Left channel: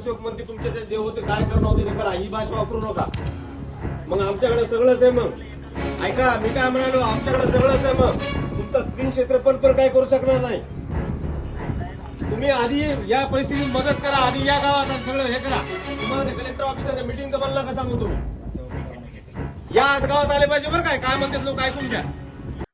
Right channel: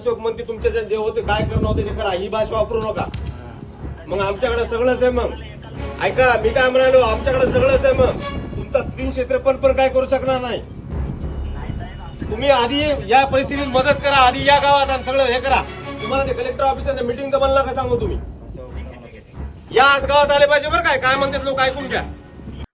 अशोक म्हणते तुमच्या जे होते काय करणं होते ते करा. ही भाषा वापरू नका. मग आमच्याकडे सगळंच आहे मग. ऐका मी काय म्हणालो? आमच्याकडे सगळंच आहे मग. तुमचा तीन क्षेत्रफळ पण काय करू शकणार नाही. तुम्ही आधी या परिस्थितीत मदत करा. आधी या गावात आणि सगळं हे करा. तुम्हाला ते कलेक्टर ऑफिसच्या मिटिंगचं मला का सांगू तुम्ही? या आज गावात आले पाहिजे बरं काय? काय म्हणतात लोक? ऐकून घ्या.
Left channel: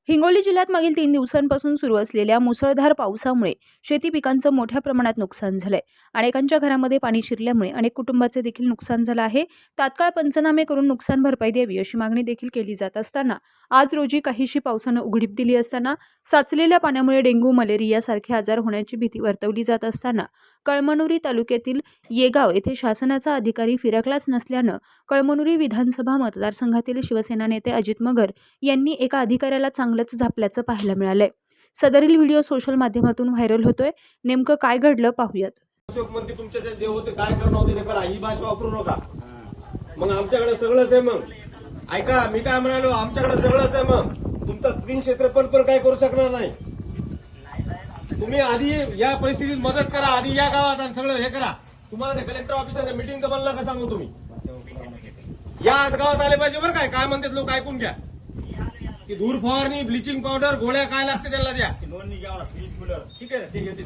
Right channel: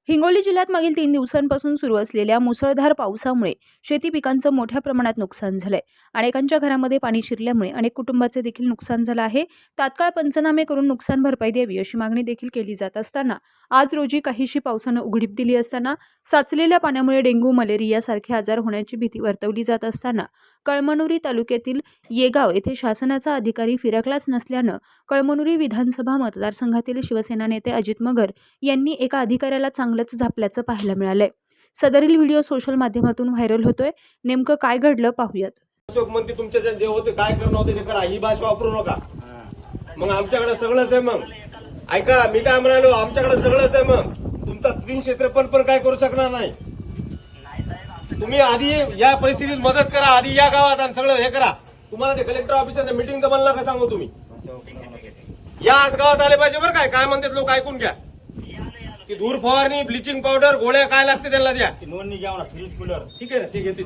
हिंगोली जिल्ह्यात मागील तीन दिवसांपासून सुरू असलेल्या मुसळधार पावसामुळे शेती पिकांचं मोठ्या प्रमाणात नुकसान झालंय. अनेकांच्या घरामध्ये पाणी शिरल्यामुळे अनेक कुटुंबाचे देखील नुकसान झालं आहे. तात्काळ पंचनामे करून नुकसान भरपाई द्यावी अशी मागणी देखील केली जात असताना आज रोजी काहीशी पावसानं उघडीप दिली असताना साचलेल्या पाण्यामुळे डेंग्यू मलेरिया सारखे आजार होण्याची भीती वर्तवली जात असताना कळमनुरी तालुक्यातील येगाव येथे शासनाचा अधिकारी फिरकलाच नसल्यानं कळमनुरी विधानसभा मतदारसंघातील शिवसेना नेते अजित मगर यांनी एका अधिकाऱ्याला चांगलंच झापल्याचं पाहायला मिळालंय. सदरील व्हिडिओ सोशल माध्यमातून व्हायरल होतोय. नेमकं काय घडलं पाहूयात. अशोक म्हणते तुमच्या जे होते काय करणं होते ते करा. ही भाषा वापरू नका. मग आमच्याकडे सगळंच आहे मग. ऐका मी काय म्हणालो आमच्याकडे सगळंच आहे मग. तुमचा तीनशे त्रेपन्न पण काय करू शकणार नाही. तुम्ही आधी या परिस्थितीत मदत करा आधी या गावात आणि सगळं हे करा. तुम्हाला ते कलेक्टर ऑफिसच्या मिटिंगचं मला नका सांगू तुम्ही? या आज गावात आले पाहिजे बरं काय. काय म्हणतात लोक ऐकून घ्या. की धूर फवारणी ब्लिचिंग पावडर गोळ्या काय लागते त्यांना द्या. नोंदणी ना फ्रीज कूलर ठीक आहे ना ठीक आहे